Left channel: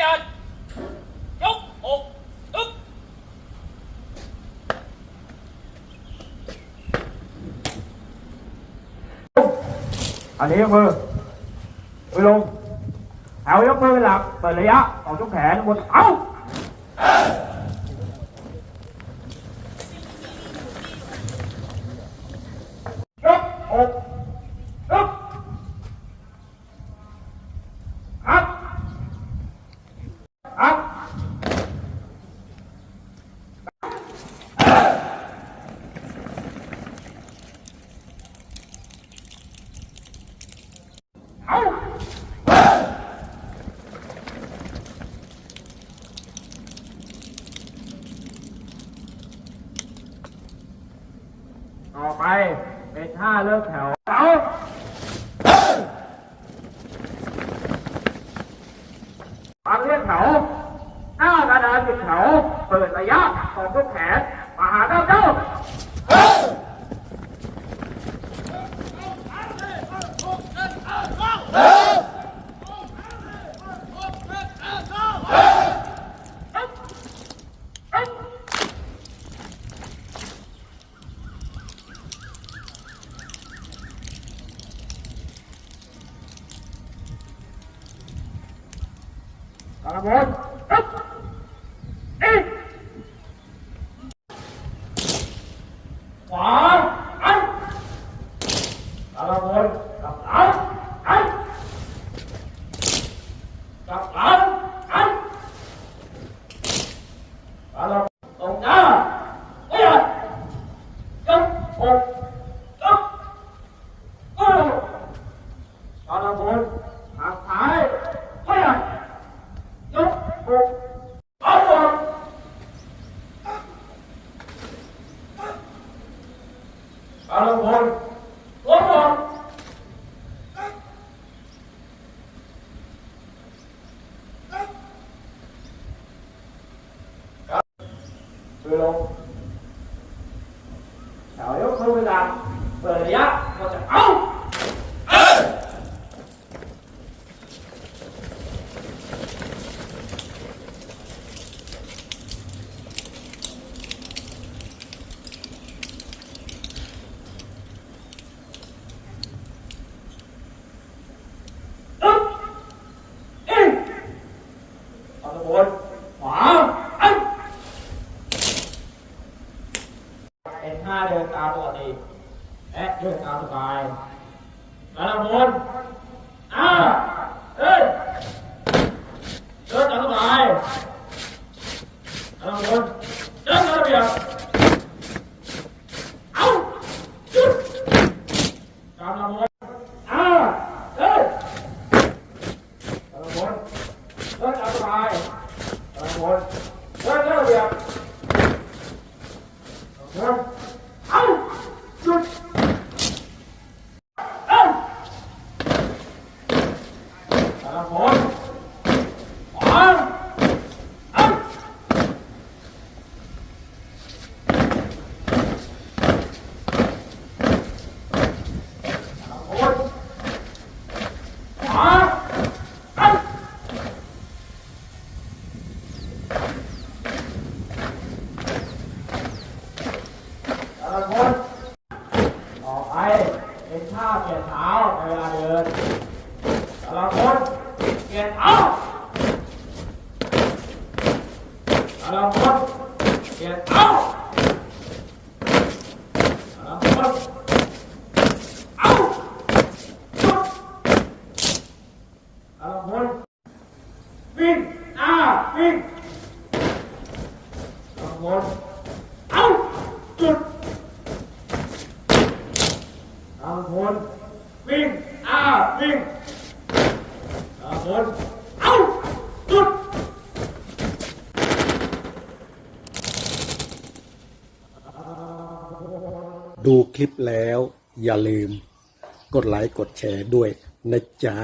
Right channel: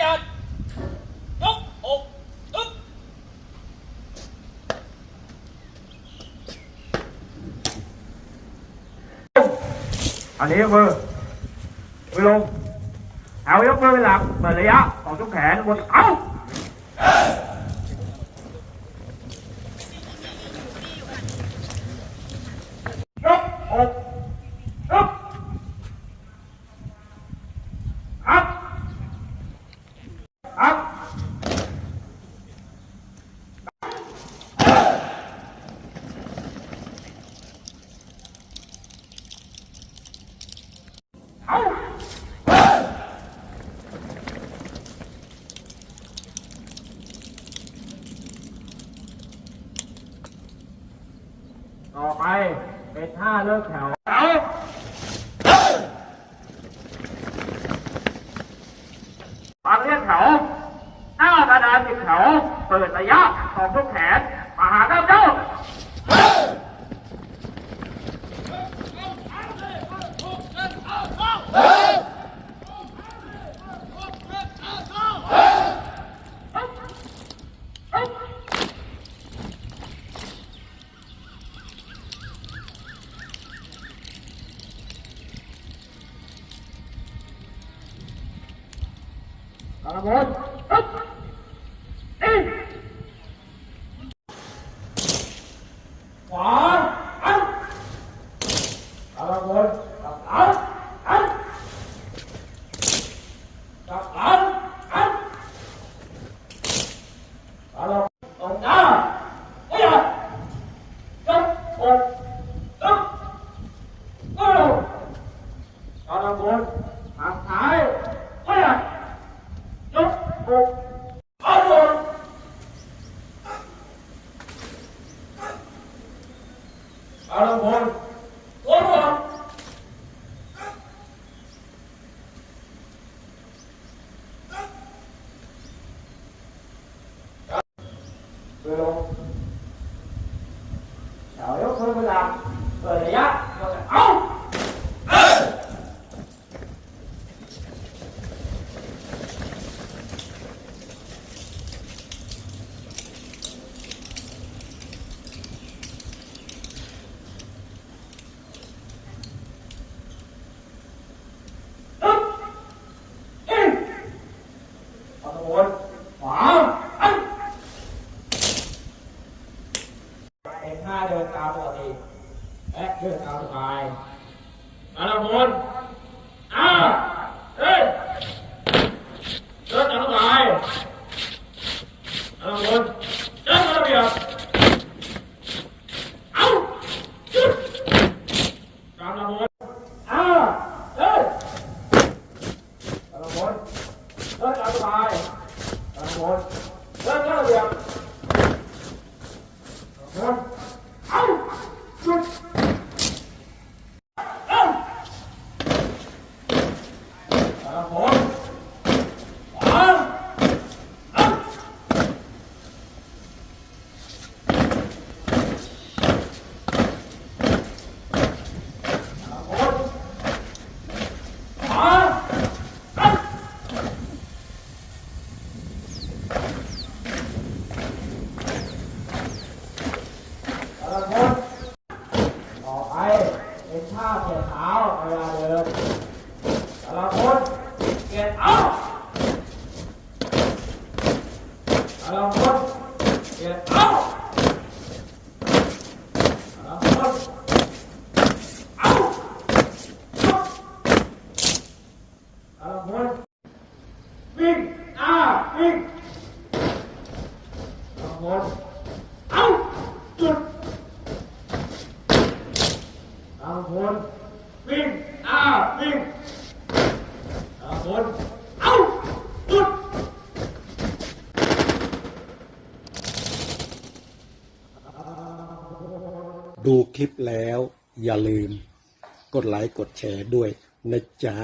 หยัดยกอกอึ๊บอันนี้ยกมือมือลงเอายกมือเป็นหลักเปิดระยะต่อทุกแขนบนเอายกอกอึ๊บครับครับเอาต่อ ไปเป็นท่าเลิกแถวเอาตอนเรียกแถวหน้ากระดานสิบแถว เปิดระยะของทุกแขนมาหาเจ้าเจ้า กระบวนอึ๊บอีกขวาอันกระบวนกลับหลังอันกลับหลังอันกระบวนตรงหน้าเอียดจับอกอึ๊บเอ้ากระบวนทางซ้ายเอียด ยกอกเอาหมด เอาหมดตัวหมดมือลงแถวยกมือไปหลังเปิดระยะก็จะเอา อึ๊บอิงเอาตะบนขวาอัน เอ็นห้าเดินตามปกติและเดินตามสบายอาตะบนอ่าเอ้ยเดินตามสบายอาตะบนเดินตามระเบียบเอาจุดตามตะบนอ่าเอ้ยอาละบนเลิกเอาสบายอาละบนเลิกเลิกระเบียบเอาละบนเอาหยุดเอ้าเอาละบนขวาเอ้าเอาละบนขวาเอ้า แต่ละคนต่อไป เป็นท่าเปลี่ยนเท้าในเวลาเดินแต่ละคนเปลี่ยนเท้าแต่ละคนเปลี่ยนเท้าแต่ละคนเอาทุกคนวิ่งอ่าวิ่งแต่ละคนเอาหยุด งคนวิ่งอ้าวิ่งบางคนเอ้าหยุดดูคลิปแล้วอย่าลืม กดไลค์กดแชร์ด้วยนะจ๊ะ